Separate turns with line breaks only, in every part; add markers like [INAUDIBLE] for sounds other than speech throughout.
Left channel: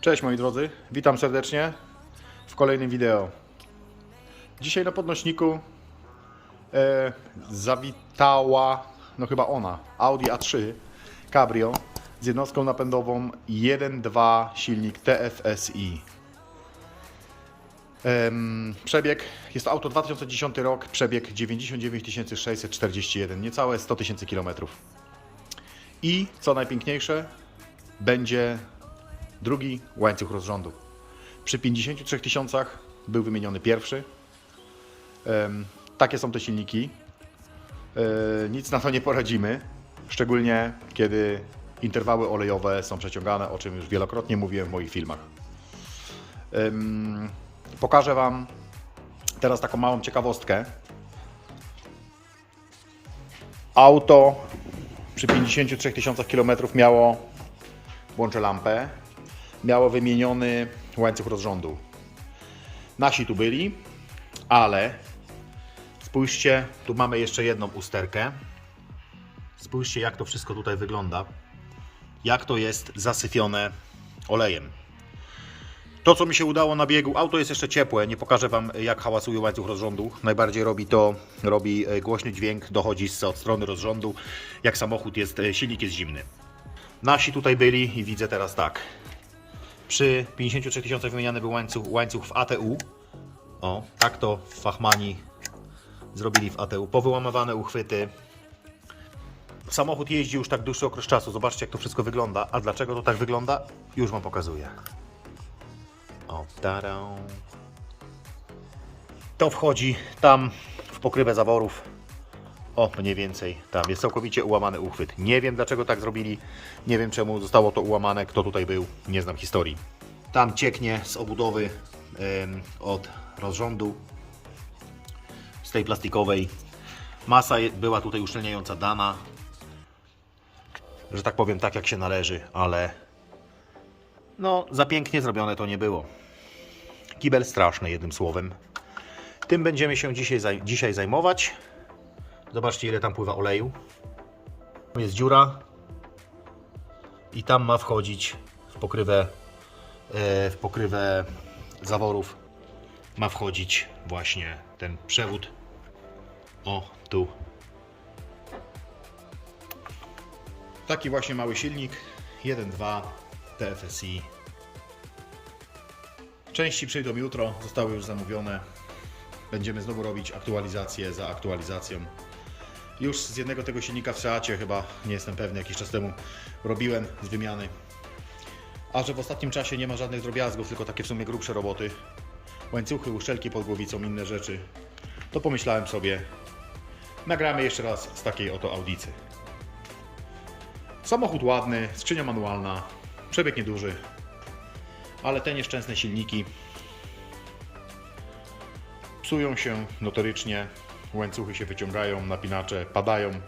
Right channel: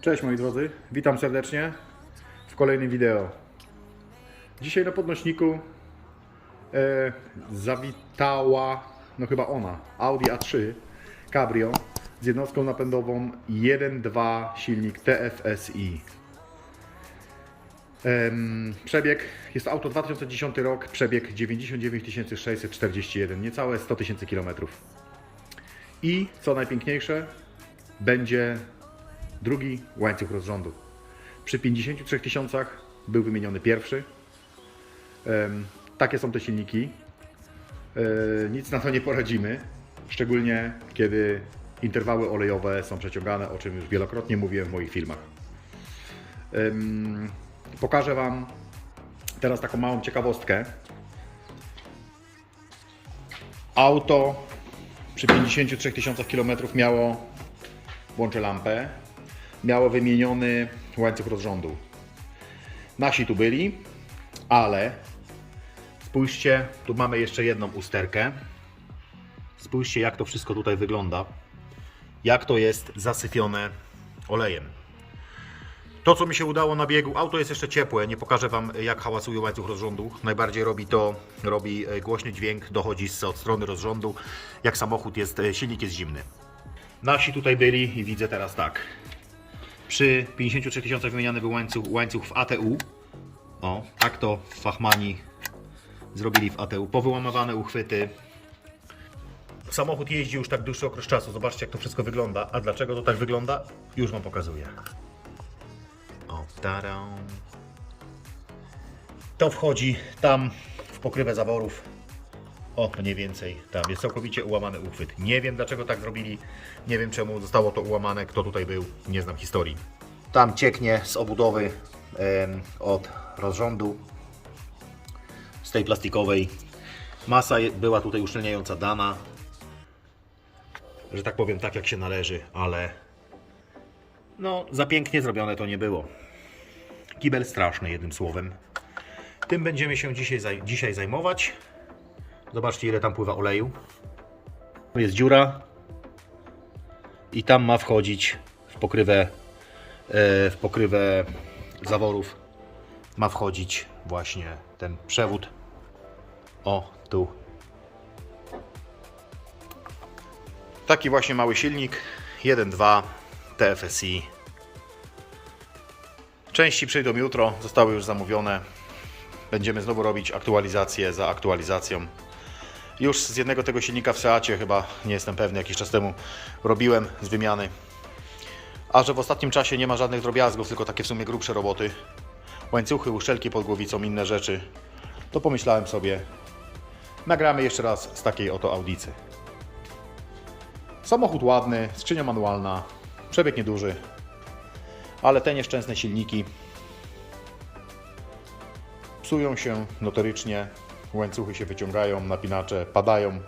Cześć moi drodzy, witam serdecznie w kolejnym wideo. Dzisiaj na podnośniku e, zawitała, no chyba ona, Audi A3 Cabrio z jednostką napędową 1.2 silnik TFSI. Przebieg, jest to auto 2010 rok, przebieg 99 641, niecałe 100 tysięcy kilometrów. I co najpiękniejsze, będzie drugi łańcuch rozrządu. Przy 53 tysiącach był wymieniony pierwszy. Takie są te silniki. E, nic na to nie poradzimy, szczególnie kiedy interwały olejowe są przeciągane, o czym już wielokrotnie mówiłem w moich filmach. Pokażę Wam teraz taką małą ciekawostkę. Auto przy 53 tysiącach kilometrów miało, włączę lampę, miało wymieniony łańcuch rozrządu. Nasi tu byli, ale spójrzcie, tu mamy jeszcze jedną usterkę. Spójrzcie, jak to wszystko tutaj wygląda. Jak to jest zasyfione olejem. To, co mi się udało na biegu, auto jest jeszcze ciepłe, nie pokażę Wam, jak hałasuje łańcuch rozrządu. Najbardziej robi to, robi e, głośny dźwięk, dochodzi z od strony rozrządu, jak samochód jest, e, silnik jest zimny. Nasi tutaj byli i widzę teraz tak. Przy 53 tysiącach wymieniany był łańcuch, łańcuch w ATU. O, tak to fachmani zrobili w ATU. Powyłamywane uchwyty. Samochód jeździ już tak dłuższy okres czasu. Zobaczcie, jak to wszystko wygląda. A dlaczego to tak wygląda? Już Wam pokazuję. Tarą. To wchodzi tam w pokrywę zaworów. O, mniej więcej tam jest całkowicie ułamany uchwyt. Nie wiem dlaczego tak zrobili. Nie wiem czemu zostało to ułamane, kto tutaj był. Nie znam historii. Tam cieknie z obudowy od rozrządu z tej plastikowej. Masa była tutaj uszczelniająca dana. Że tak powiem, tak jak się należy, ale no, za pięknie zrobione to nie było. Kibel straszny, jednym słowem. Tym będziemy się dzisiaj, zaj- dzisiaj zajmować. Zobaczcie, ile tam pływa oleju. Tu jest dziura. I tam ma wchodzić w pokrywę, e, w pokrywę zaworów. Ma wchodzić właśnie ten przewód. O, tu. Taki właśnie mały silnik. 1.2 TFSI. Części przyjdą jutro, zostały już zamówione. Będziemy znowu robić aktualizację za aktualizacją. Już z jednego tego silnika w Seacie chyba, nie jestem pewny, jakiś czas temu robiłem z wymiany. A że w ostatnim czasie nie ma żadnych drobiazgów, tylko takie w sumie grubsze roboty, łańcuchy, uszczelki pod głowicą, inne rzeczy, to pomyślałem sobie, nagramy jeszcze raz z takiej oto audicy. Samochód ładny, skrzynia manualna, przebieg nieduży, ale te nieszczęsne silniki psują się notorycznie, łańcuchy się wyciągają, napinacze padają.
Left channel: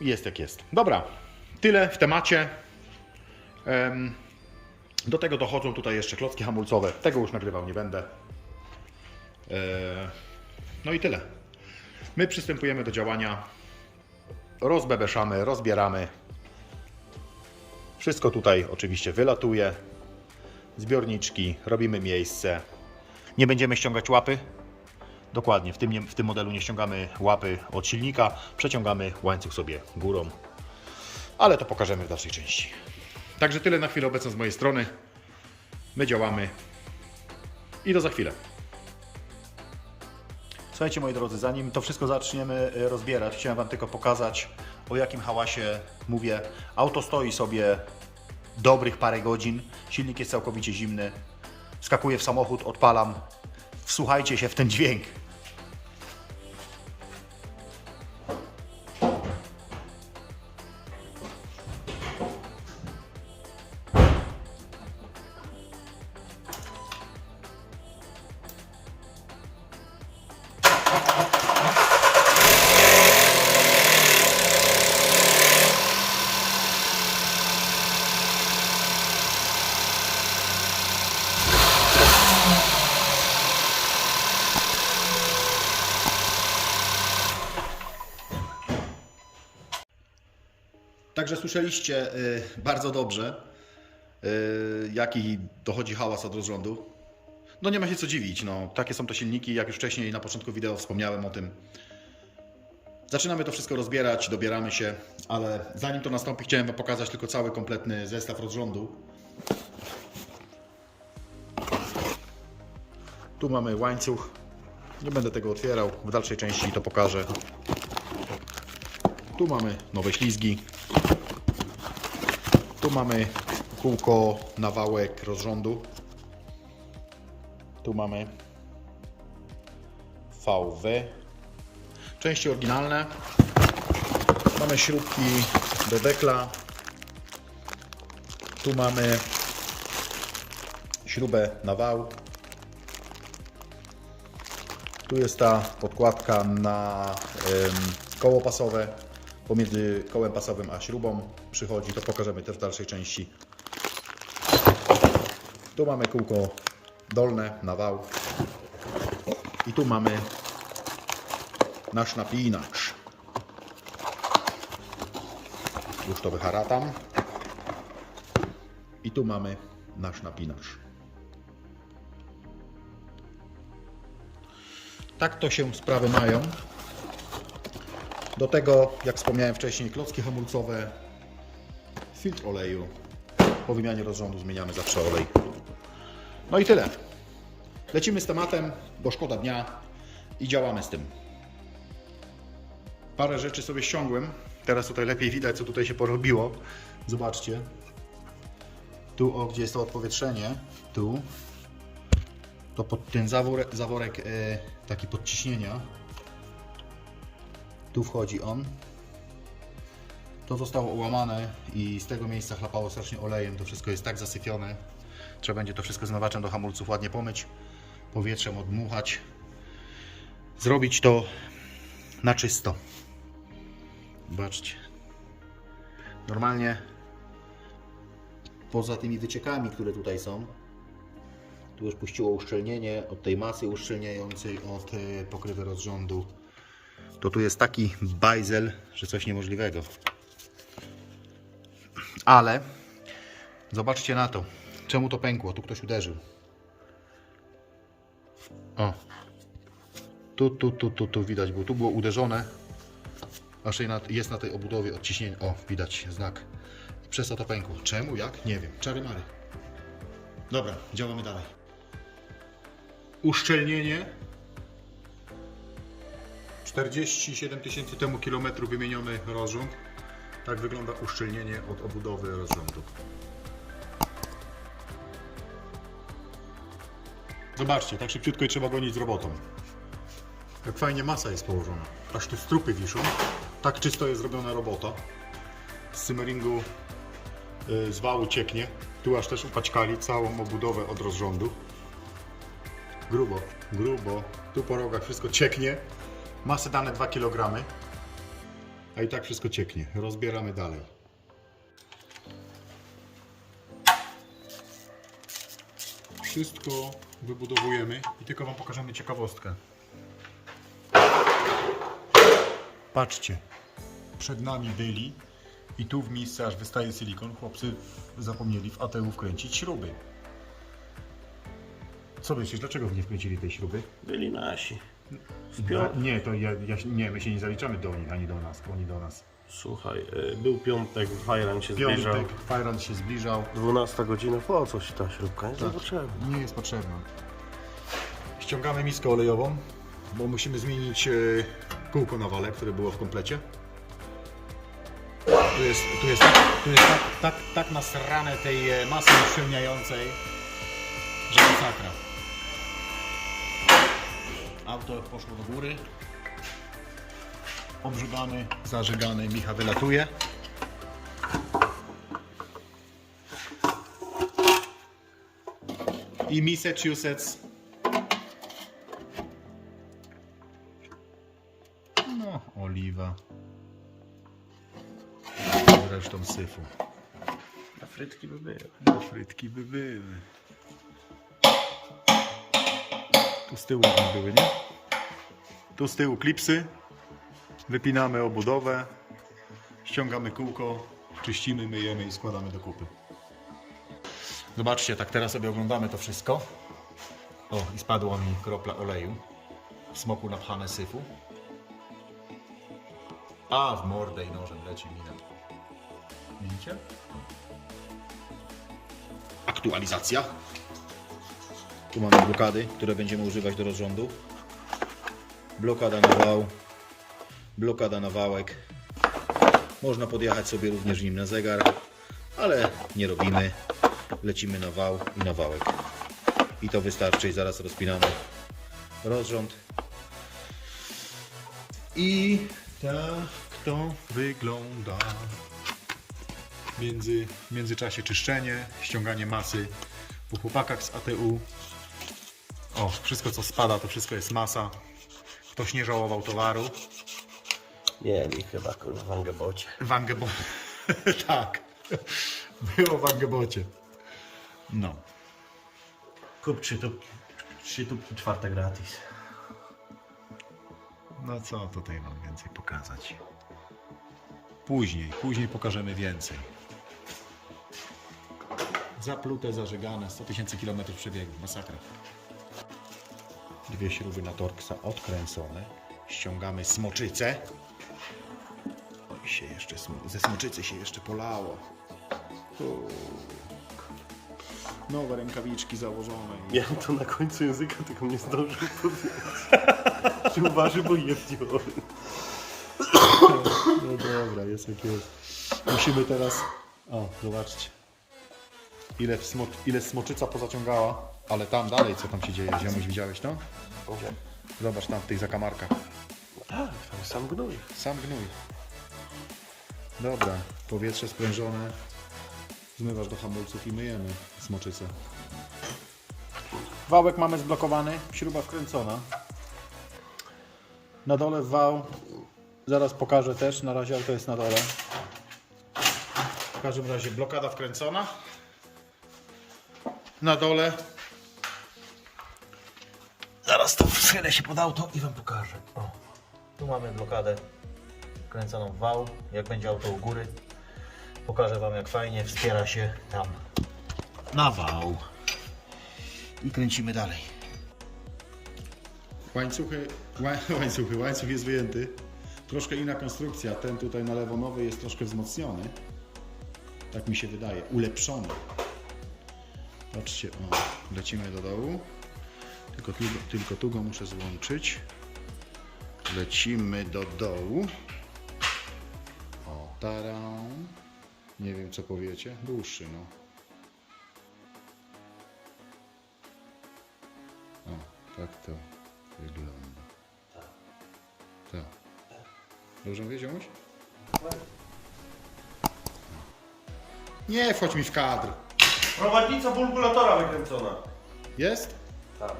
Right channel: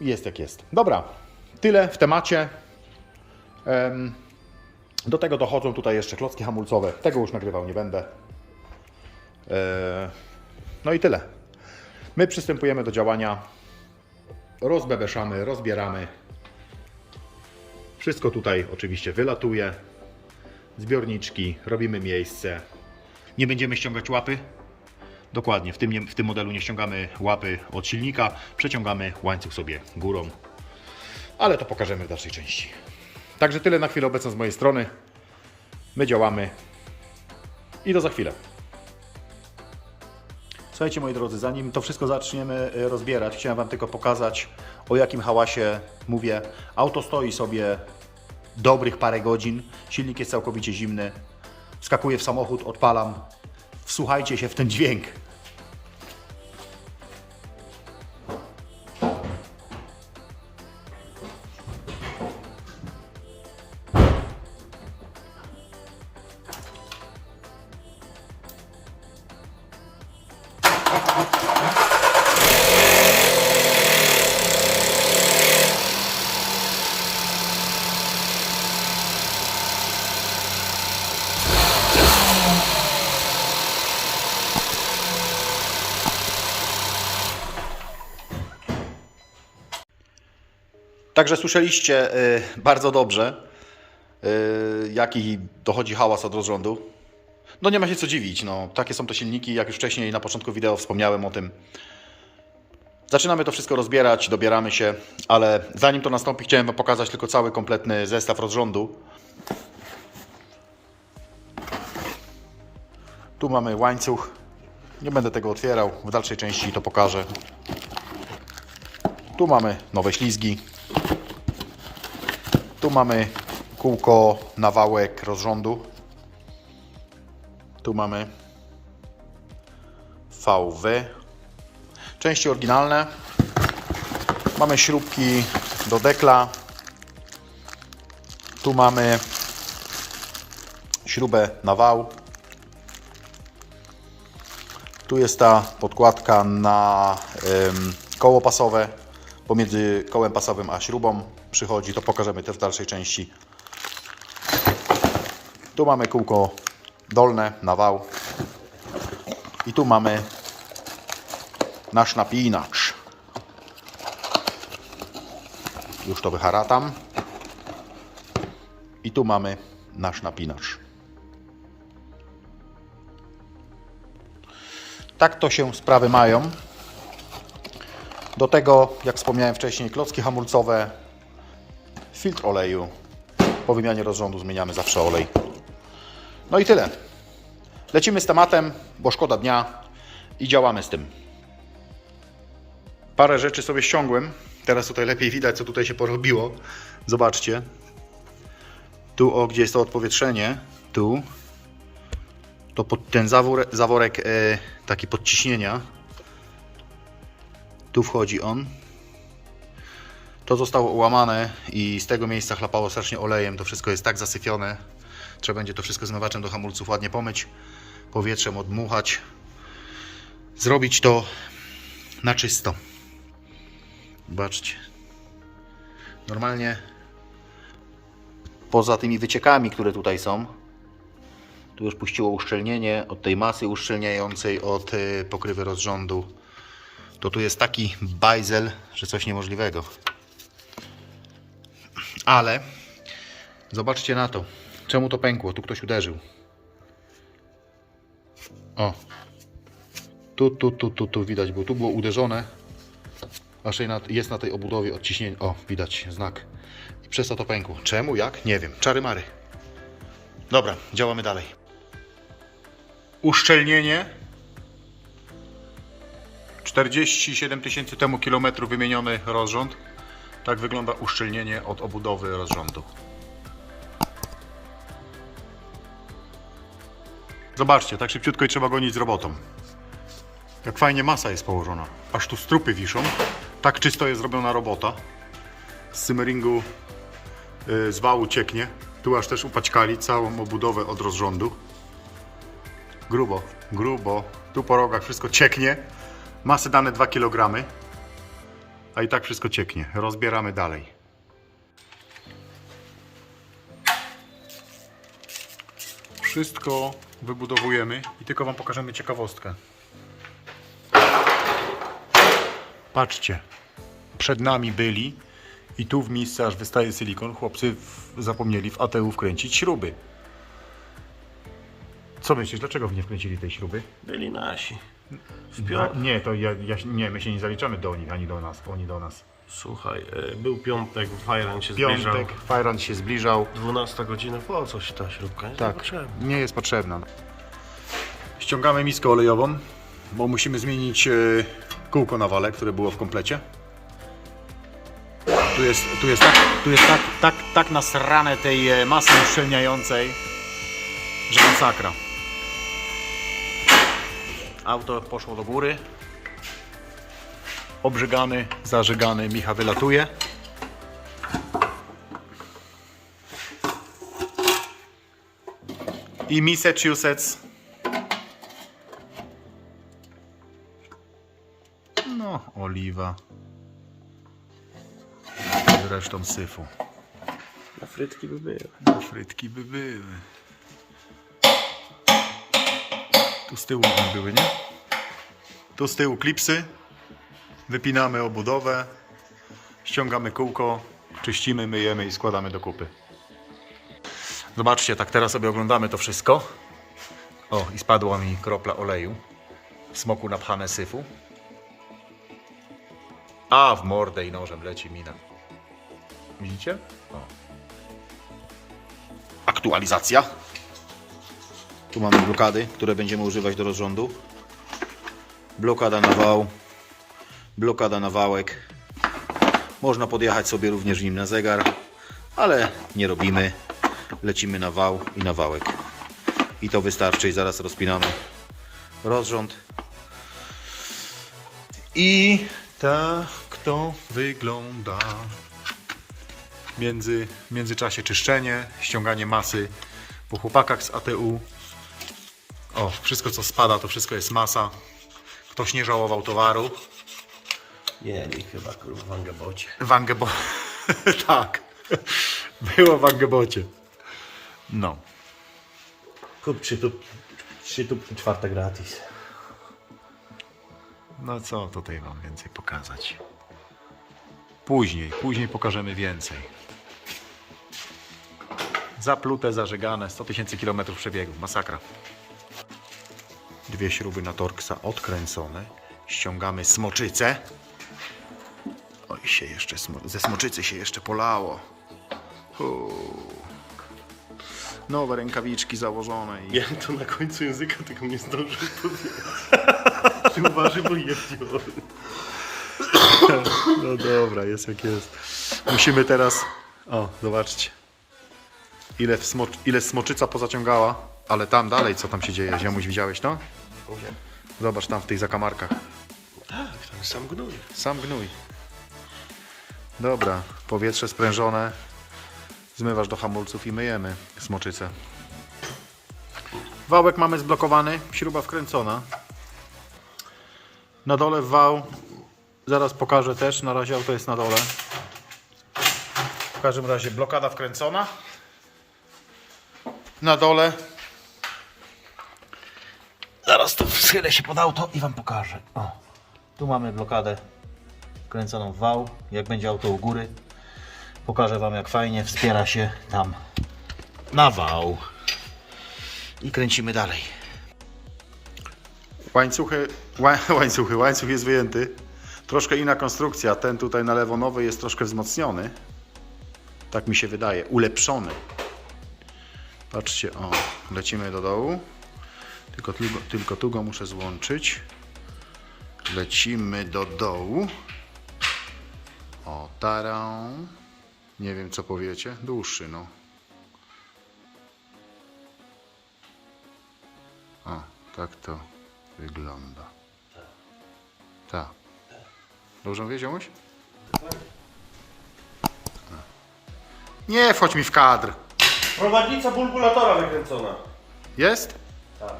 Jest jak jest. Dobra, tyle w temacie. Em, Do tego dochodzą tutaj jeszcze klocki hamulcowe. Tego już nagrywał nie będę. E, No i tyle. My przystępujemy do działania. Rozbebeszamy, rozbieramy. Wszystko tutaj oczywiście wylatuje. Zbiorniczki, robimy miejsce. Nie będziemy ściągać łapy. Dokładnie, w tym, w tym modelu nie ściągamy łapy od silnika, przeciągamy łańcuch sobie górą. Ale to pokażemy w dalszej części. Także tyle na chwilę obecną z mojej strony. My działamy i do za chwilę. Słuchajcie moi drodzy, zanim to wszystko zaczniemy e, rozbierać, chciałem Wam tylko pokazać o jakim hałasie mówię. Auto stoi sobie dobrych parę godzin. Silnik jest całkowicie zimny. Skakuję w samochód, odpalam. Wsłuchajcie się w ten dźwięk. Także słyszeliście y, bardzo dobrze, y, jaki dochodzi hałas od rozrządu. No nie ma się co dziwić, no, takie są to silniki, jak już wcześniej na początku wideo wspomniałem o tym. Zaczynamy to wszystko rozbierać, dobieramy się, ale zanim to nastąpi, chciałem Wam pokazać tylko cały kompletny zestaw rozrządu. Tu mamy łańcuch. Nie będę tego otwierał, w dalszej części to pokażę. Tu mamy nowe ślizgi. Tu mamy kółko, nawałek rozrządu. Tu mamy VW. Części oryginalne. Mamy śrubki do dekla. Tu mamy śrubę na wał. Tu jest ta podkładka na koło pasowe. Pomiędzy kołem pasowym a śrubą przychodzi. To pokażemy też w dalszej części. Tu mamy kółko dolne na wał. I tu mamy nasz napinacz. Już to wyharatam. I tu mamy nasz napinacz. Tak to się sprawy mają. Do tego, jak wspomniałem wcześniej, klocki hamulcowe, filtr oleju. Po wymianie rozrządu zmieniamy zawsze olej. No i tyle. Lecimy z tematem, bo szkoda dnia i działamy z tym. Parę rzeczy sobie ściągłem. Teraz tutaj lepiej widać, co tutaj się porobiło. Zobaczcie. Tu, o, gdzie jest to odpowietrzenie, tu, to pod ten zawór, zaworek e, taki podciśnienia, tu wchodzi on. To zostało ułamane i z tego miejsca chlapało strasznie olejem. To wszystko jest tak zasyfione. Trzeba będzie to wszystko zmywaczem do hamulców ładnie pomyć, powietrzem odmuchać. Zrobić to na czysto. Zobaczcie. Normalnie poza tymi wyciekami, które tutaj są, tu już puściło uszczelnienie od tej masy uszczelniającej, od y, pokrywy rozrządu. To tu jest taki bajzel, że coś niemożliwego. Ale zobaczcie na to. Czemu to pękło? Tu ktoś uderzył. O. Tu, tu, tu, tu, tu widać, bo tu było uderzone. Raczej jest na tej obudowie odciśnienie. O, widać znak. I przez to to pękło. Czemu? Jak? Nie wiem. Czary mary. Dobra, działamy dalej. Uszczelnienie. 47 tysięcy temu kilometrów wymieniony rozrząd. Tak wygląda uszczelnienie od obudowy rozrządu. Zobaczcie, tak szybciutko i trzeba gonić z robotą. Jak fajnie masa jest położona. Aż tu strupy wiszą. Tak czysto jest zrobiona robota. Z cymeringu y, z wału cieknie. Tu aż też upaćkali całą obudowę od rozrządu. Grubo, grubo. Tu po rogach wszystko cieknie. Masy dane 2 kg. A i tak wszystko cieknie. Rozbieramy dalej. Wszystko wybudowujemy i tylko Wam pokażemy ciekawostkę. Patrzcie, przed nami byli i tu w miejscu aż wystaje silikon. Chłopcy w, zapomnieli w ATU wkręcić śruby. Co myślisz, dlaczego w nie wkręcili tej śruby?
Byli nasi.
No, nie, to ja, ja, nie, my się nie zaliczamy do nich, ani do nas, oni do nas.
Słuchaj, e, był piątek, Fajran się zbliżał.
Piątek, Fajron się zbliżał.
12 godzina, po co ci ta śrubka? Nie
Tak,
potrzebna.
nie jest potrzebna. Ściągamy miskę olejową, bo musimy zmienić e, kółko na wale, które było w komplecie. Tu jest, tu jest, tak, tu jest tak, tak, tak nasrane tej e, masy uszczelniającej, że masakra. Auto poszło do góry. Obrzygany, zażygany, Micha wylatuje. i Massachusetts. No, oliwa. Zresztą syfu.
Na frytki by były.
Na frytki by były. Tu z tyłu one były, nie? Tu z tyłu klipsy. Wypinamy obudowę. Ściągamy kółko. czyścimy, myjemy i składamy do kupy. Zobaczcie, tak teraz sobie oglądamy to wszystko. O, i spadła mi kropla oleju. W smoku napchane syfu. A, w mordę i nożem leci mina. Widzicie? Aktualizacja. Tu mamy blokady, które będziemy używać do rozrządu. Blokada na wał, blokada na wałek. Można podjechać sobie również nim na zegar, ale nie robimy. Lecimy na wał i na wałek. I to wystarczy i zaraz rozpinamy rozrząd. I tak to wygląda. Między, w międzyczasie czyszczenie, ściąganie masy po chłopakach z ATU. O, wszystko co spada, to wszystko jest masa. Ktoś nie żałował towaru.
Nie, nie chyba kurwa w Angebocie.
W Angebo... [LAUGHS] tak. Było w Angebocie. No.
Kup trzy tu, trzy tu czwarte gratis.
No co tutaj wam więcej pokazać? Później, później pokażemy więcej. Zaplute, zażegane, 100 tysięcy kilometrów przebiegu, masakra. Dwie śruby na Torksa odkręcone. Ściągamy smoczycę. Oj, się jeszcze, smo- ze smoczycy się jeszcze polało. Uuu. Nowe rękawiczki założone i
Ja to na końcu języka tylko nie zdążył powiedzieć. Uważaj, bo.
No dobra, jest jak jest. Musimy teraz. O, zobaczcie. Ile, smocz... Ile smoczyca pozaciągała. Ale tam dalej, co tam się dzieje? Ziomuś, widziałeś to? Zobacz tam w tych zakamarkach.
Sam gnój.
Sam gnój. Dobra, powietrze sprężone. Zmywasz do hamulców i myjemy smoczycę. Wałek mamy zblokowany, śruba wkręcona. Na dole wał, zaraz pokażę też, na razie auto jest na dole. W każdym razie blokada wkręcona. Na dole. Zaraz to schylę się pod auto i Wam pokażę. O. Tu mamy blokadę wkręconą w wał. Jak będzie auto u góry, pokażę Wam jak fajnie wspiera się tam na wał. I kręcimy dalej. Łańcuchy, ła, [LAUGHS] łańcuchy, łańcuch jest wyjęty. Troszkę inna konstrukcja. Ten tutaj na lewo nowy jest troszkę wzmocniony. Tak mi się wydaje. Ulepszony. Patrzcie, o, lecimy do dołu. Tylko, tylko, tylko tu go muszę złączyć. Lecimy do dołu. O, tarą. Nie wiem co powiecie. Dłuższy, no. O, tak to wygląda. Tak. Ziomuś? No. Nie wchodź mi w kadr.
Prowadnica bulbulatora wykręcona.
Jest?
Tak.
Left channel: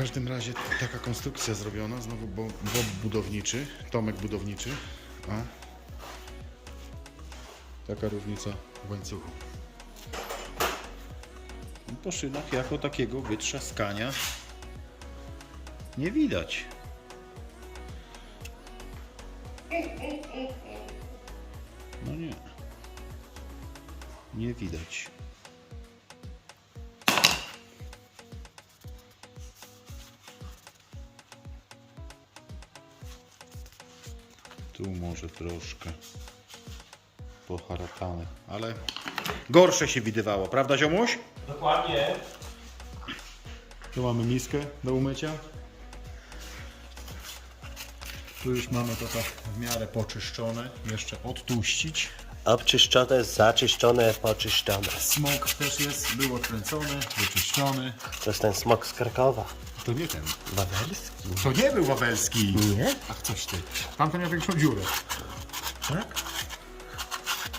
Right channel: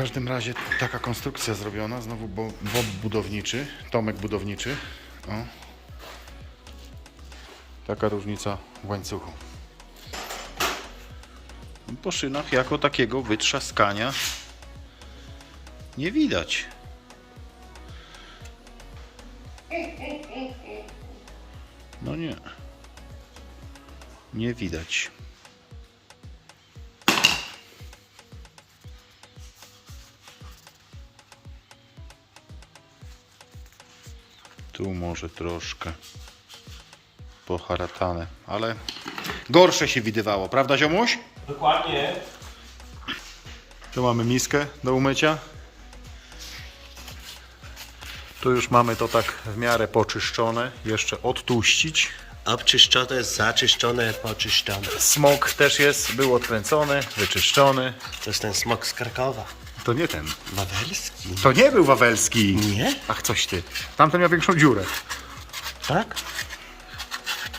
Każdym razie taka konstrukcja zrobiona, znowu bo, Bob budowniczy, Tomek budowniczy. O. Taka różnica w łańcuchu. Po szynach jako takiego wytrzaskania nie widać. No nie. Nie widać. Tu może troszkę poharatane, ale gorsze się widywało, prawda ziomuś?
Dokładnie.
Tu mamy miskę do umycia. Tu już mamy to tak w miarę poczyszczone, jeszcze odtłuścić.
Obczyszczone, zaczyszczone, poczyszczone.
Smok też jest, był odkręcony, wyczyszczony.
To jest ten smok z Krakowa.
To nie ten.
Wawelski.
To nie był wawelski.
Nie?
Ach, coś ty. Tamten miał większą dziurę.
Tak?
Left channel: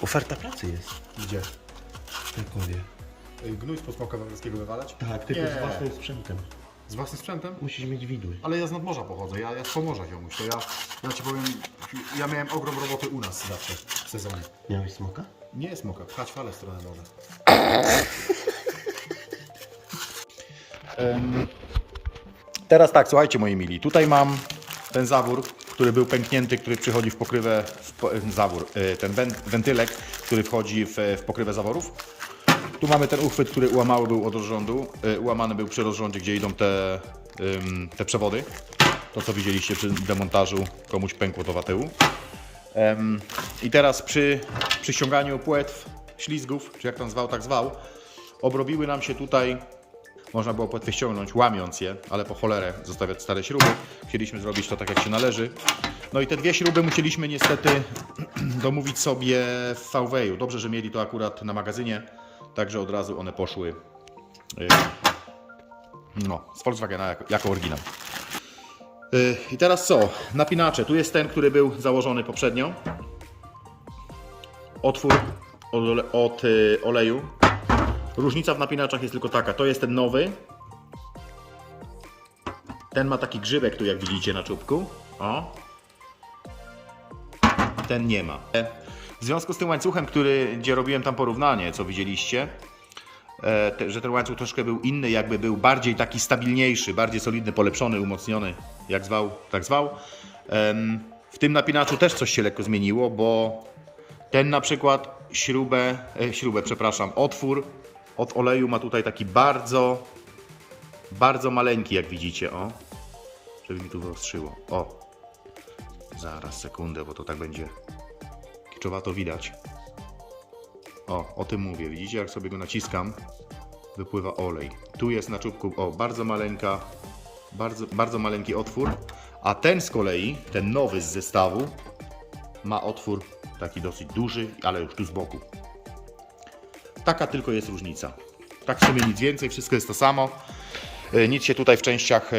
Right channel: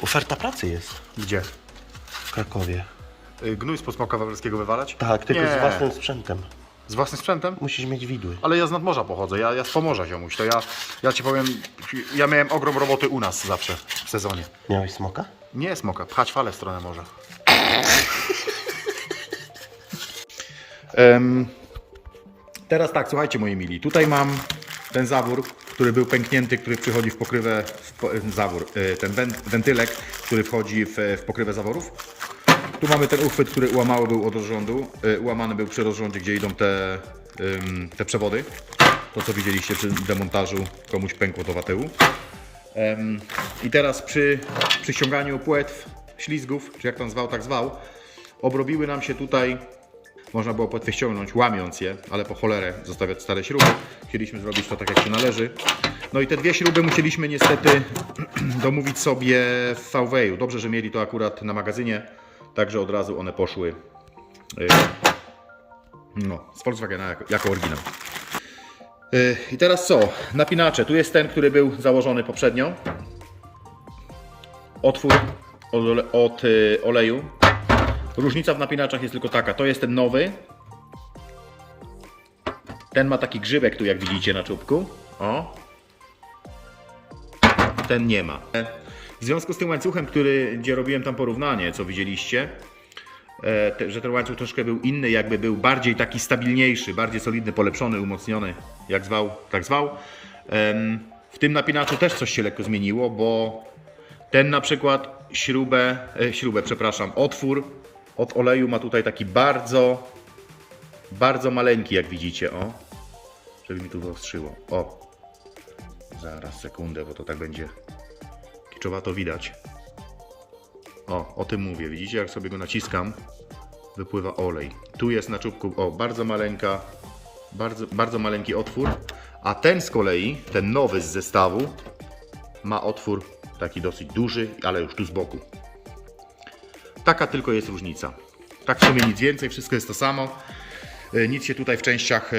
Oferta pracy jest
Gdzie?
w Krakowie.
Y, Gnój spod smoka wawelskiego wywalać?
Tak, tylko
Nie.
z własnym sprzętem.
Z własnym sprzętem?
Musisz mieć widły.
Ale ja z nadmorza pochodzę, ja, ja z Pomorza ziomuś, to ja, ja ci powiem, ja miałem ogrom roboty u nas zawsze w sezonie.
Miałeś smoka?
Nie smoka, pchać falę w stronę morza. [LAUGHS] Em, teraz tak, słuchajcie moi mili, tutaj mam ten zawór, który był pęknięty, który przychodzi w pokrywę, w po, zawór, y, ten wen- wentylek, który wchodzi w, w pokrywę zaworów. Tu mamy ten uchwyt, który ułamały był od rozrządu, ułamany był przy rozrządzie, gdzie idą te, te przewody. To co widzieliście przy demontażu, komuś pękło to watyłu. I teraz przy, przy ściąganiu płetw, ślizgów, czy jak tam zwał, tak zwał, obrobiły nam się tutaj, można było płetwy ściągnąć, łamiąc je, ale po cholerę zostawiać stare śruby. Chcieliśmy zrobić to tak, jak się należy. No i te dwie śruby musieliśmy niestety [CLEARS THROAT] domówić sobie w VW. Dobrze, że mieli to akurat na magazynie, także od razu one poszły y, no, z Volkswagena jako, jako oryginał. Y, I teraz co? Napinacze. Tu jest ten, który był założony poprzednio. Otwór od y, oleju. Różnica w napinaczach jest tylko taka. To jest ten nowy. Ten ma taki grzybek tu, jak widzicie na czubku. O. Ten nie ma. W związku z tym łańcuchem, który, gdzie robiłem tam porównanie, co widzieliście, e, te, że ten łańcuch troszkę był inny, jakby był bardziej taki stabilniejszy, bardziej solidny, polepszony, umocniony, jak zwał, tak zwał. W tym napinaczu też coś się lekko zmieniło, bo ten na przykład śrubę, e, śrubę, przepraszam, otwór od oleju ma tutaj taki bardzo, bardzo maleńki, jak widzicie, o. Żeby mi tu wyostrzyło. O. Zaraz, sekundę, bo to tak będzie kiczowato widać. O, o tym mówię. Widzicie, jak sobie go naciskam, wypływa olej. Tu jest na czubku, o, bardzo maleńka, bardzo, bardzo maleńki otwór, a ten z kolei, ten nowy z zestawu, ma otwór taki dosyć duży, ale już tu z boku. Taka tylko jest różnica. Tak w sumie nic więcej, wszystko jest to samo. E, Nic się tutaj w częściach e,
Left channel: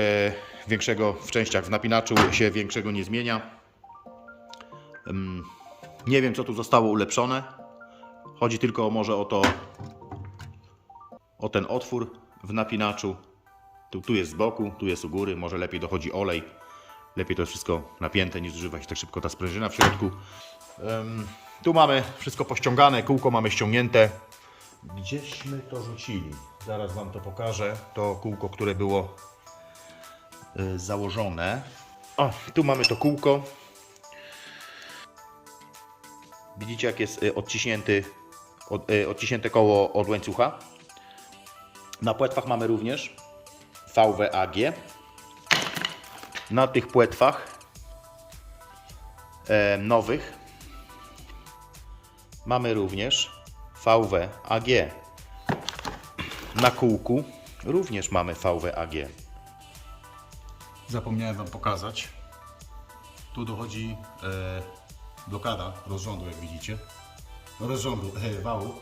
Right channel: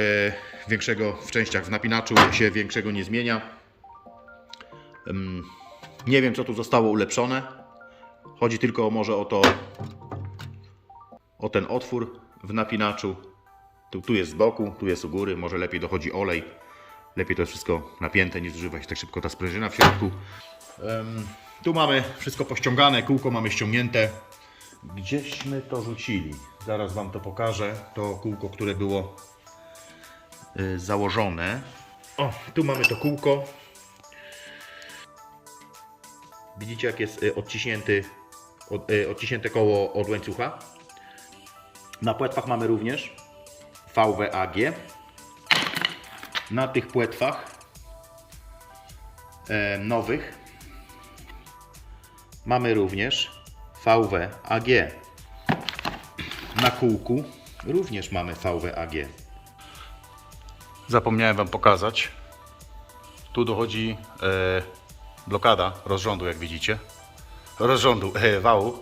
większego, w częściach w napinaczu się większego nie zmienia. Nie wiem co tu zostało ulepszone. Chodzi tylko może o to, o ten otwór w napinaczu. Tu, tu jest z boku, tu jest u góry, może lepiej dochodzi olej. Lepiej to jest wszystko napięte, nie zużywa się tak szybko ta sprężyna w środku. Tu mamy wszystko pościągane, kółko mamy ściągnięte. Gdzieśmy to rzucili? Zaraz Wam to pokażę. To kółko, które było y, założone. O, tu mamy to kółko. Widzicie, jak jest y, odciśnięty, od, y, odciśnięte koło od łańcucha. Na płetwach mamy również VWAG. Na tych płetwach e, nowych mamy również VWAG. Na kółku również mamy VWAG. Zapomniałem Wam pokazać. Tu dochodzi e, blokada rozrządu, jak widzicie. Rozrządu e, wału.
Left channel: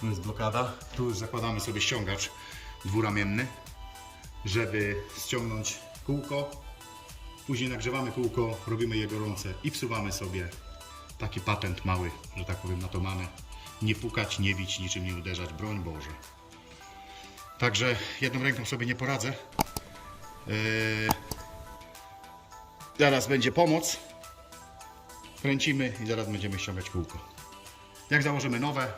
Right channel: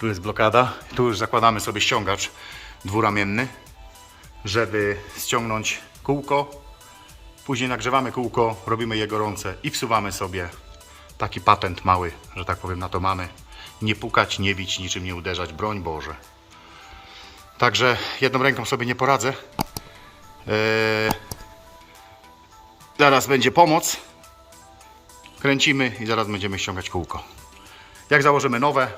Tu jest blokada. Tu już zakładamy sobie ściągacz dwuramienny, żeby ściągnąć kółko. Później nagrzewamy kółko, robimy je gorące i wsuwamy sobie taki patent mały, że tak powiem, na to mamy. Nie pukać, nie bić, niczym nie uderzać, broń Boże. Także jedną ręką sobie nie poradzę. Eee, zaraz będzie pomoc. Kręcimy i zaraz będziemy ściągać kółko. Jak założymy nowe,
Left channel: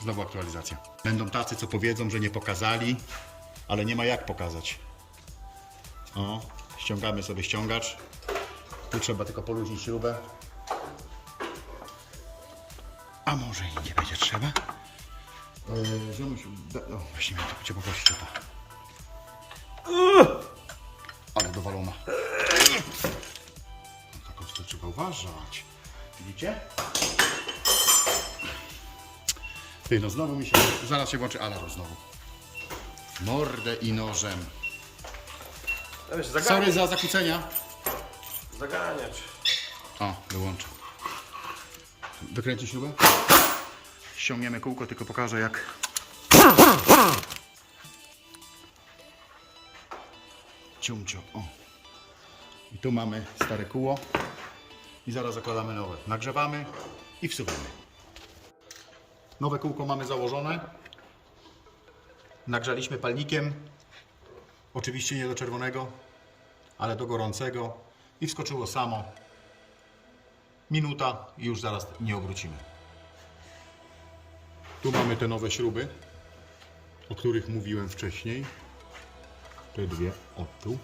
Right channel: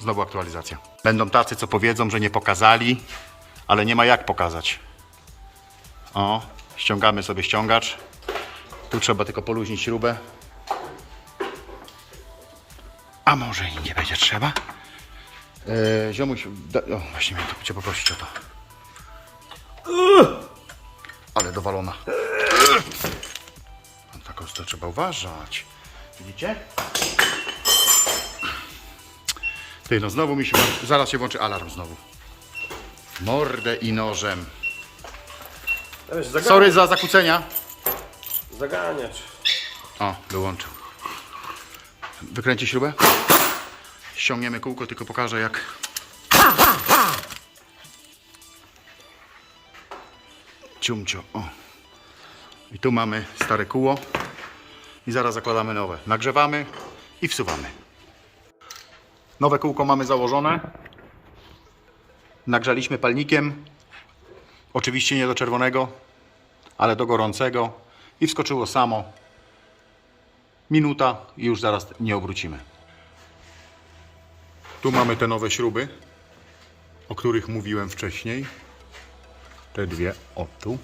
znowu aktualizacja. Będą tacy, co powiedzą, że nie pokazali, ale nie ma jak pokazać. O, ściągamy sobie ściągacz. Tu trzeba tylko poluźnić śrubę. A może i nie będzie trzeba? Eee, ziomuś, da, o, właśnie miałem Cię poprosić o to. Ale dowalona. No, taką to trzeba uważać. Widzicie? Ty, no znowu mi się... Zaraz się włączy alarm znowu. Mordę i nożem. Sorry za zakłócenia.
Zaganiać.
O, wyłączył. Wykręci śrubę. Ściągniemy kółko, tylko pokażę jak. Ciumcio. O. I tu mamy stare kóło. I zaraz zakładamy nowe. Nagrzewamy i wsuwamy. Nowe kółko mamy założone. Nagrzaliśmy palnikiem. Oczywiście nie do czerwonego, ale do gorącego. I wskoczyło samo. Minuta i już zaraz nie obrócimy. Tu mamy te nowe śruby, o których mówiłem wcześniej. Te dwie, o tu.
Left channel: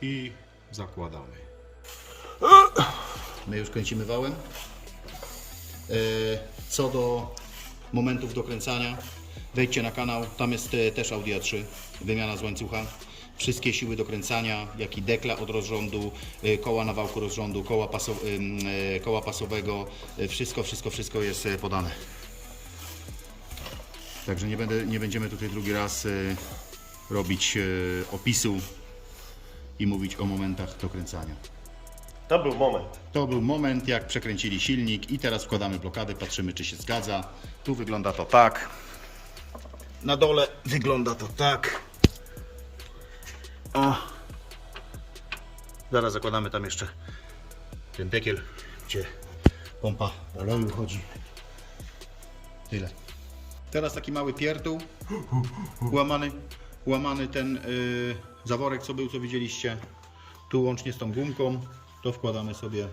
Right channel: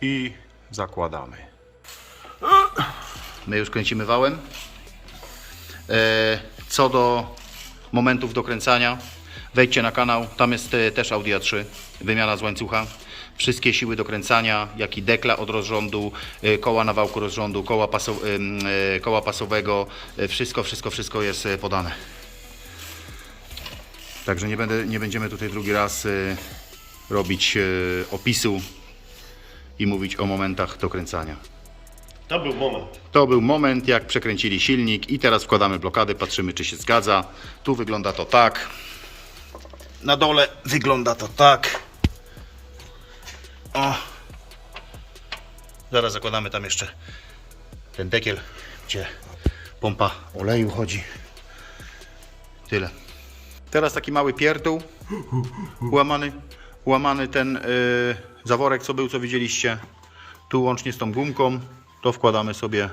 I zakładamy. My już kręcimy wałem. E, Co do momentów dokręcania, wejdźcie na kanał, tam jest e, też Audi A3, wymiana z łańcucha. Wszystkie siły dokręcania, jak i dekla od rozrządu, e, koła na wałku rozrządu, koła, paso, e, koła pasowego, wszystko, wszystko, wszystko jest podane. Także nie, będę, nie będziemy tutaj drugi raz robić opisu i mówić o momentach dokręcania.
To był moment.
To był moment, jak przekręcili silnik i teraz wkładamy blokady, patrzymy czy się zgadza. Tu wygląda to tak. Na dole wygląda to tak. O. Zaraz zakładamy tam jeszcze ten dekiel, gdzie pompa oleju chodzi. Tyle. Teraz taki mały pierdół. Łamany, łamany ten yy, zaworek, co był, co widzieliście. Tu łącznie z tą gumką. To wkładamy sobie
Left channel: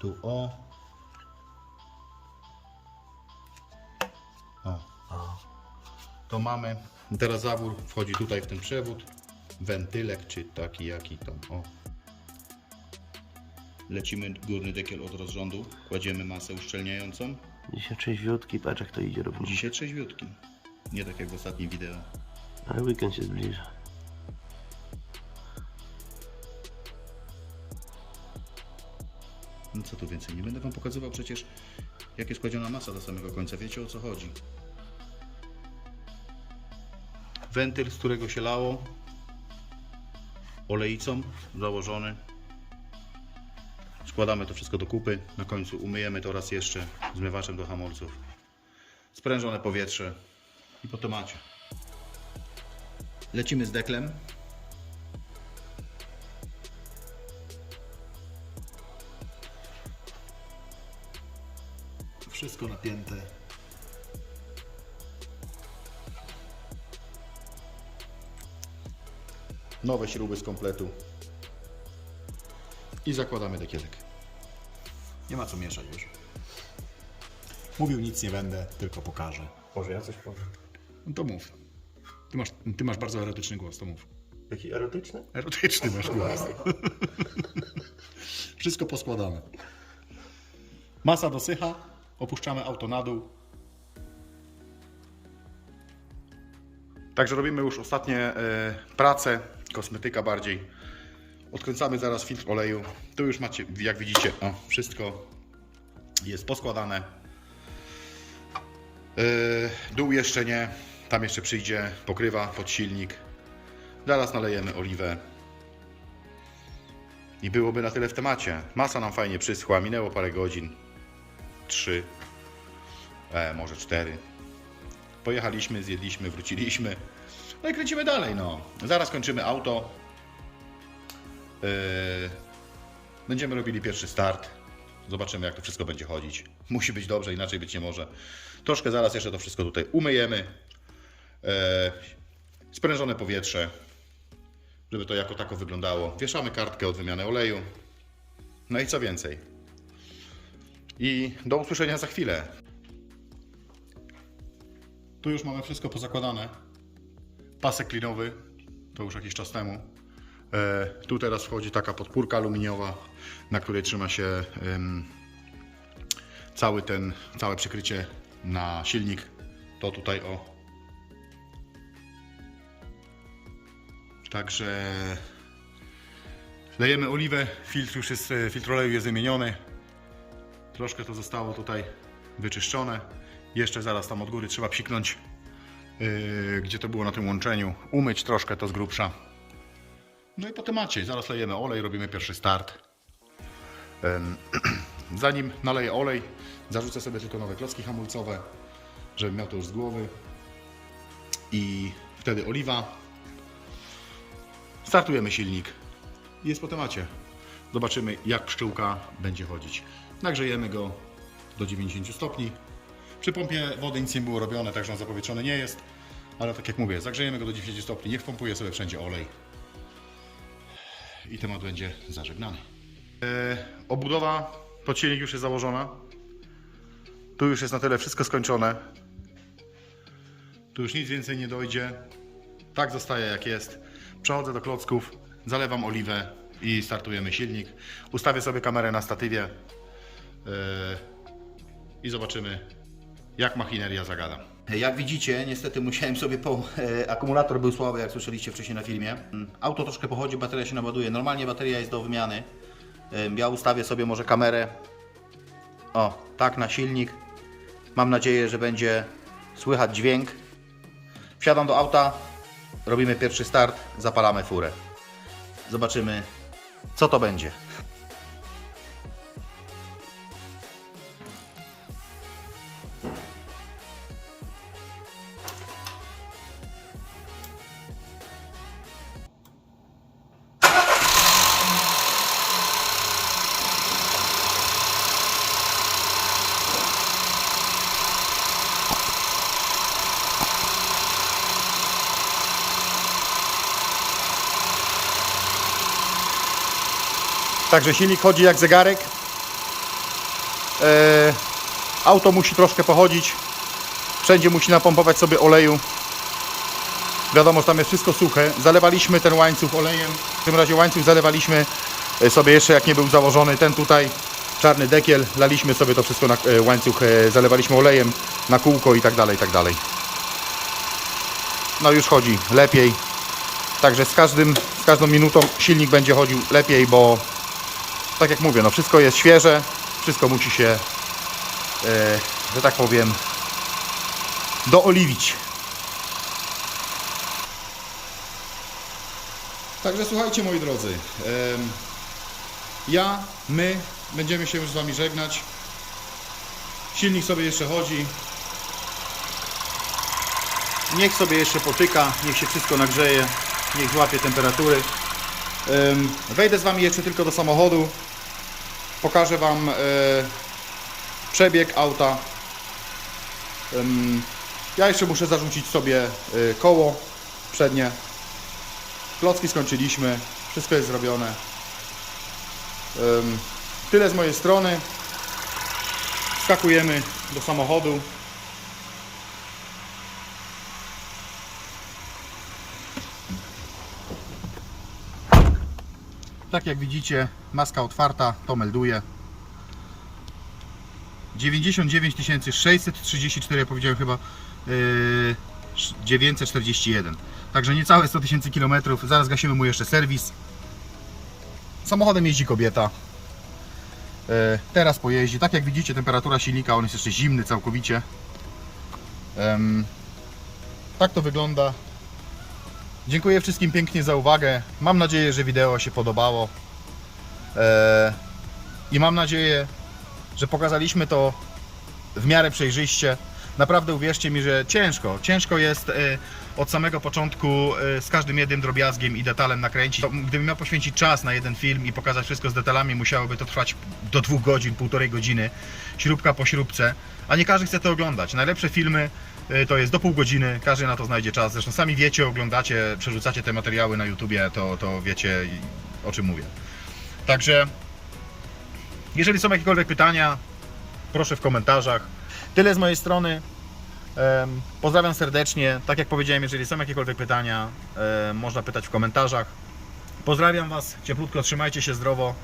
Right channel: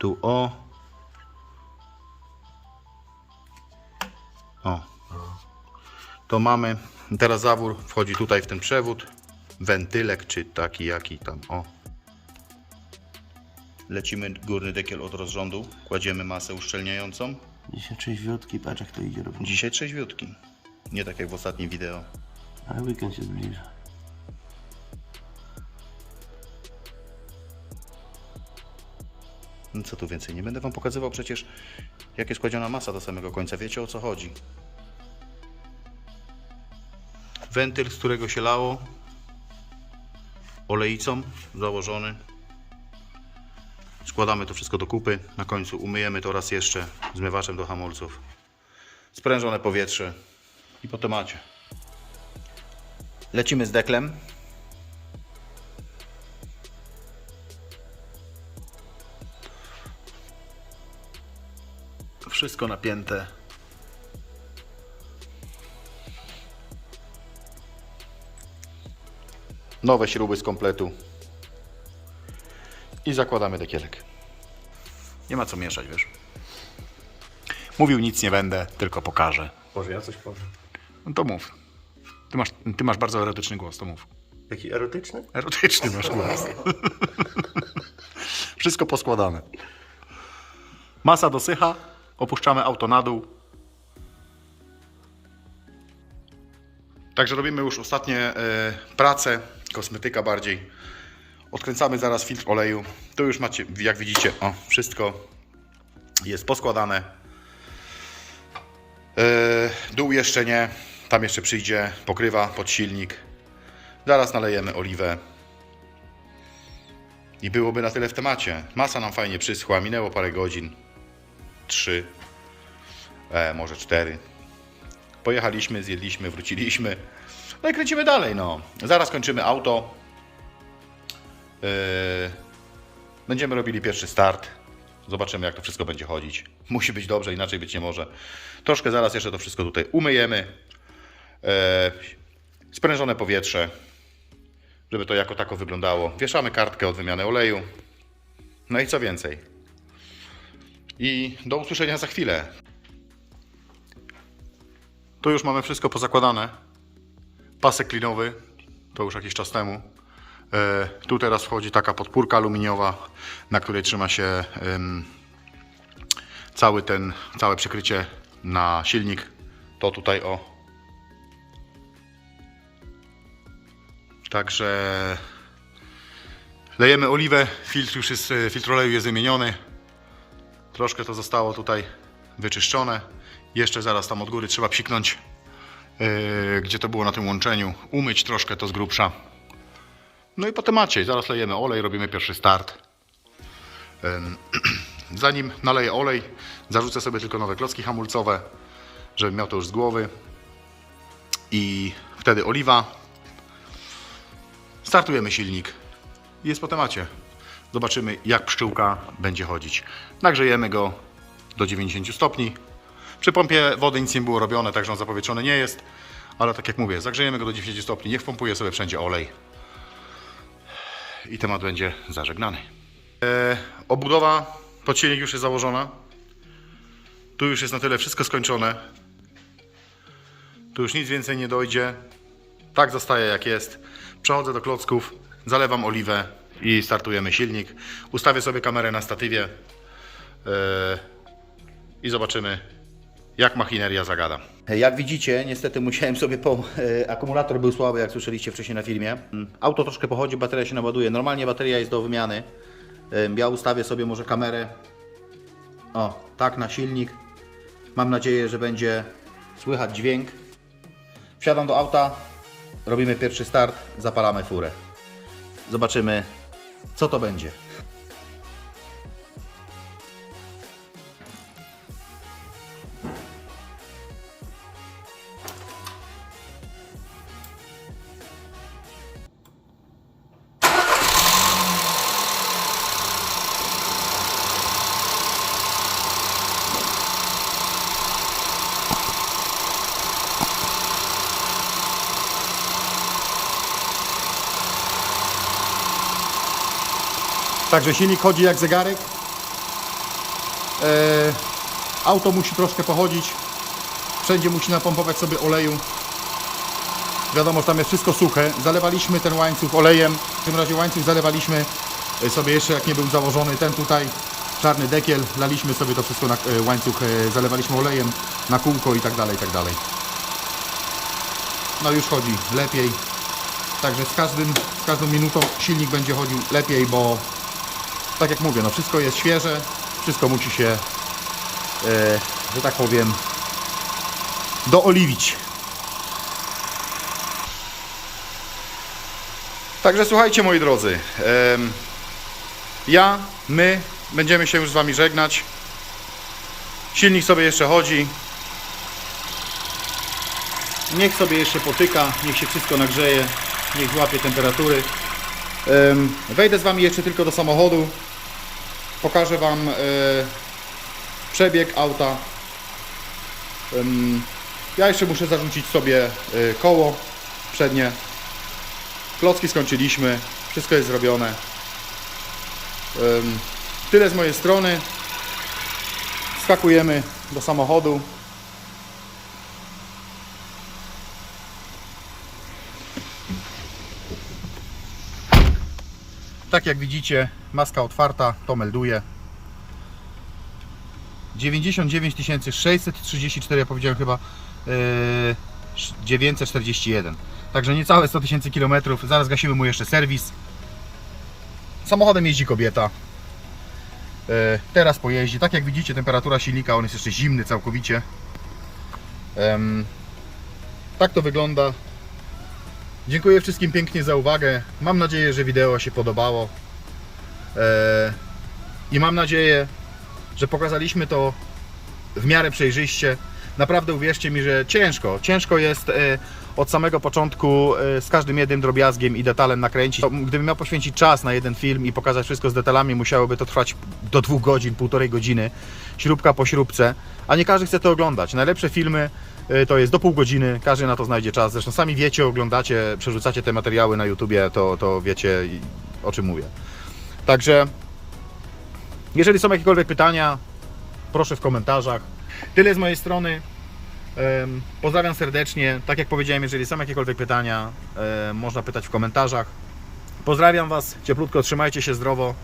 tu o. O. To mamy. Teraz zawór wchodzi tutaj w ten przewód. Wentylek, czy taki jaki tam. O. Lecimy górny dekiel od rozrządu. Kładziemy masę uszczelniającą.
Dzisiaj trzeźwiutki, patrz jak to idzie równo.
Dzisiaj trzeźwiutki. Nie tak jak w ostatnim wideo.
Ale weekend się zbliża.
Co tu więcej, nie będę wam pokazywał przecież jak jest kładziona masa do samego końca. Wiecie o co chodzi. Wentyl, z którego się lało olejcą założony. Składamy to wszystko do kupy. Na końcu umyjemy to raz jeszcze zmywaczem do hamulców. Sprężone powietrze i po temacie. Lecimy z deklem. Wszystko napięte. Nowe śruby z kompletu. I zakładamy dekielek. Nie ma co mieszać, wiesz. Mówił nic nie będę, tylko pokażę.
Może ja coś powiem.
No to mów. Ty masz, ty masz bardzo erotyczny głos, to mów.
Taki erotyczny?
Erotyczny masz głos. [LAUGHS] Wszystko poskładane. Masa dosycha, opuszczamy auto na dół. Także robimy już ostatnie e, prace, kosmetyka bardziej. Odkręcamy zaraz filtr oleju. Tu już macie, jak widzicie, o, wszystko jest poskładane. E, dół jeszcze nie, tam jeszcze przyjdzie pokrywa pod silnik. Zaraz nalejemy oliwę. I byłoby na tyle w temacie. Masa nam fajnie przyschła, minęło parę godzin. Trzy, e, może cztery. Pojechaliśmy, zjedliśmy, wróciliśmy. No i kręcimy dalej, no. Zaraz kończymy auto. Yy, będziemy robili pierwszy start. Zobaczymy, jak to wszystko będzie chodzić. [LAUGHS] Musi być dobrze, inaczej być nie może. Troszkę zaraz jeszcze to wszystko tutaj umyjemy. Yy, sprężone powietrze, żeby to jako tako wyglądało. Wieszamy kartkę od wymiany oleju. No i co więcej. I do usłyszenia za chwilę. Tu już mamy wszystko pozakładane. Pasek klinowy, to już jakiś czas temu. E, tu teraz wchodzi taka podpórka aluminiowa, na której trzyma się cały ten, całe przykrycie na silnik. To tutaj o. Także lejemy oliwę, filtr już jest, e, filtr oleju jest wymieniony. Troszkę to zostało tutaj wyczyszczone. Jeszcze zaraz tam od góry trzeba psiknąć, yy, gdzie to było na tym łączeniu. Umyć troszkę to z grubsza. No i po temacie. Zaraz lejemy olej, robimy pierwszy start. Ym, [CLEARS THROAT] Zanim naleję olej, zarzucę sobie tylko nowe klocki hamulcowe, żebym miał to już z głowy. I wtedy oliwa. Startujemy silnik. Jest po temacie. Zobaczymy, jak pszczółka będzie chodzić. Nagrzejemy go do 90 stopni. Przy pompie wody nic nie było robione, także on zapowietrzony nie jest. Ale tak jak mówię, zagrzejemy go do 90 stopni, niech pompuje sobie wszędzie olej. I temat będzie zażegnany. E, obudowa pod silnik już jest założona. Tu już jest na tyle wszystko skończone. Tu już nic więcej nie dojdzie. Tak zostaje jak jest. Przechodzę do klocków, zalewam oliwę i startujemy silnik. Ustawię sobie kamerę na statywie i zobaczymy, jak machineria zagada. Jak widzicie, niestety musiałem sobie po... E, akumulator był słaby, jak słyszeliście wcześniej na filmie. Mm, Auto troszkę pochodzi, bateria się naładuje. Normalnie bateria jest do wymiany. Ja ustawię sobie może kamerę. O, tak na silnik. Mam nadzieję, że będzie słychać dźwięk. Wsiadam do auta, robimy pierwszy start, zapalamy furę. Zobaczymy, co to będzie. Także silnik chodzi jak zegarek. E, auto musi troszkę pochodzić. Wszędzie musi napompować sobie oleju. Wiadomo, że tam jest wszystko suche. Zalewaliśmy ten łańcuch olejem. W tym razie łańcuch zalewaliśmy e, sobie jeszcze jak nie był założony. Ten tutaj czarny dekiel. Laliśmy sobie to wszystko na e, łańcuch. Zalewaliśmy olejem na kółko i tak dalej, i tak dalej. No już chodzi lepiej. Także z, każdym, z każdą minutą silnik będzie chodził lepiej, bo tak jak mówię, no wszystko jest świeże, wszystko musi się, e, że tak powiem, dooliwić. Także słuchajcie moi drodzy, ja, my będziemy się już z Wami żegnać. Silnik sobie jeszcze chodzi. Niech sobie jeszcze potyka, niech się wszystko nagrzeje, niech złapie temperatury. Em, Wejdę z Wami jeszcze tylko do samochodu. Pokażę Wam e, przebieg auta. Ja jeszcze muszę zarzucić sobie e, koło przednie. Klocki skończyliśmy. Wszystko jest zrobione. Tyle z mojej strony. Skakujemy do samochodu. Tak jak widzicie, maska otwarta, to melduje. 99 634, ja powiedziałem chyba yy, 941. Także niecałe 100 tysięcy kilometrów. Zaraz gasimy mu jeszcze serwis. Samochodem jeździ kobieta. Yy, teraz pojeździ. Tak jak widzicie, temperatura silnika, on jest jeszcze zimny całkowicie. Em, tak to wygląda. Dziękuję wszystkim pięknie za uwagę. Mam nadzieję, że wideo się podobało. Eee, I mam nadzieję, że pokazaliśmy to w miarę przejrzyście. Naprawdę uwierzcie mi, że ciężko. Ciężko jest e, od samego początku e, z każdym jednym drobiazgiem i detalem nakręcić. Gdybym miał poświęcić czas na jeden film i pokazać wszystko z detalami, musiałoby to trwać do dwóch godzin, półtorej godziny, śrubka po śrubce. A nie każdy chce to oglądać. Najlepsze filmy e, to jest do pół godziny, każdy na to znajdzie czas. Zresztą sami wiecie, oglądacie, przerzucacie te materiały na YouTubie, to, to wiecie o czym mówię. Także jeżeli są jakiekolwiek pytania, proszę w komentarzach. Tyle z mojej strony. Pozdrawiam serdecznie. Tak jak powiedziałem, jeżeli są jakiekolwiek pytania, można pytać w komentarzach. Pozdrawiam Was cieplutko, trzymajcie się zdrowo,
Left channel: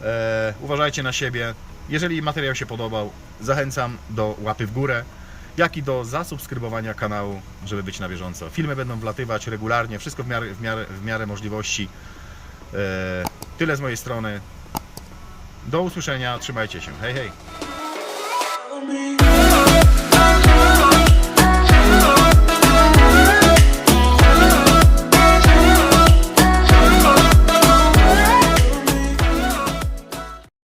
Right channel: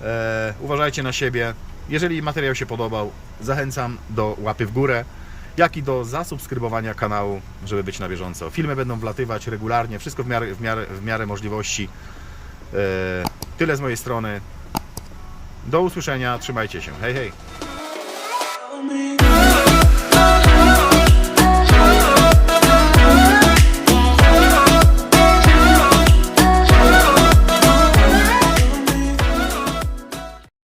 e, uważajcie na siebie. Jeżeli materiał się podobał, zachęcam do łapy w górę, jak i do zasubskrybowania kanału, żeby być na bieżąco. Filmy będą wlatywać regularnie, wszystko w miarę, w miarę, w miarę możliwości. E, Tyle z mojej strony. Do usłyszenia, trzymajcie się. Hej, hej.